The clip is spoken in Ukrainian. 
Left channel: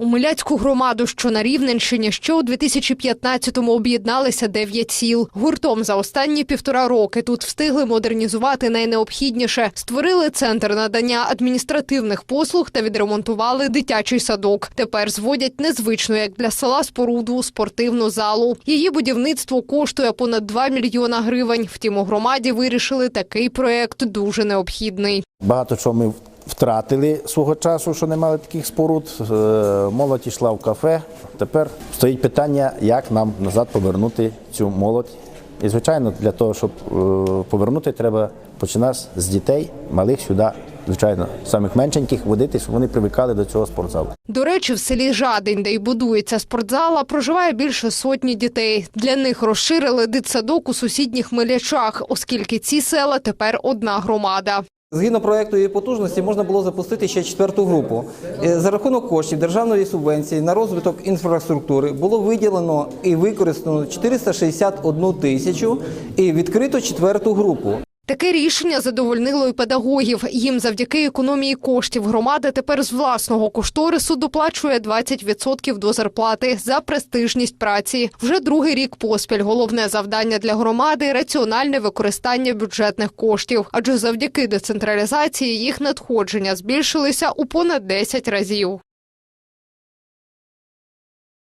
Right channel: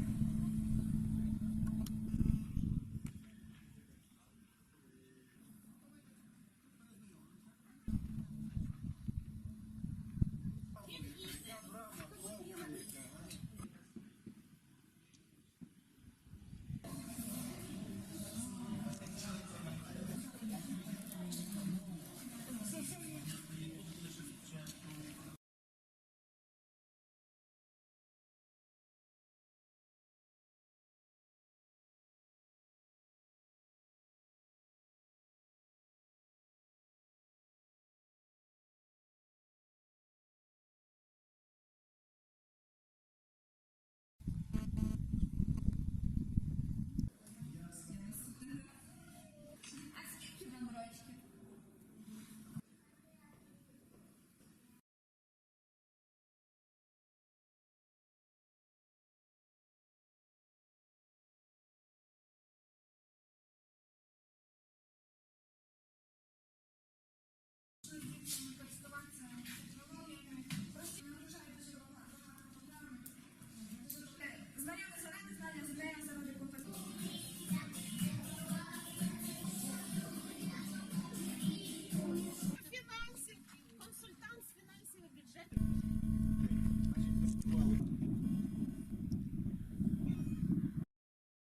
У Миляцьку громаду, що на Рівненщині, ще у 2015-му об'єдналися дев'ять сіл. Гуртом за останні півтора роки тут встигли модернізувати найнеобхідніше. Створили центр надання адміністративних послуг та відремонтували дитячий садок. Тепер зводять незвичну, як для села споруду спортивну залу. Її будівництво коштує понад 2 мільйона гривень. Втім, у громаді вирішили такий проект дуже необхідний. Багато чого ми втратили свого часу, що не мали таких споруд. Е, Молодь йшла в кафе. Тепер стоїть питання, як нам назад повернути цю молодь. І, звичайно, для того, щоб е, повернути, треба починати з дітей, малих сюди, звичайно, самих меншеньких, водити, щоб вони привикали до цього спортзалу. До речі, в селі Жадень, де й будується спортзала, проживає більше сотні дітей. Для них розширили дитсадок у сусідніх милячах, оскільки ці села тепер одна громада. Згідно проекту її потужності можна було запустити ще четверту групу. Е, За рахунок коштів державної субвенції на розвиток інфраструктури було виділено і використано 461 тисячу і відкрито четверту групу. Таке рішення задовольнило й педагогів. Їм завдяки економії коштів громада тепер з власного кошторису доплачує 20% до зарплати за престижність праці. Вже другий рік поспіль. Головне завдання для громади раціональне використання бюджетних коштів. Адже завдяки децентралізації їх надходження збільшилися у понад 10 разів.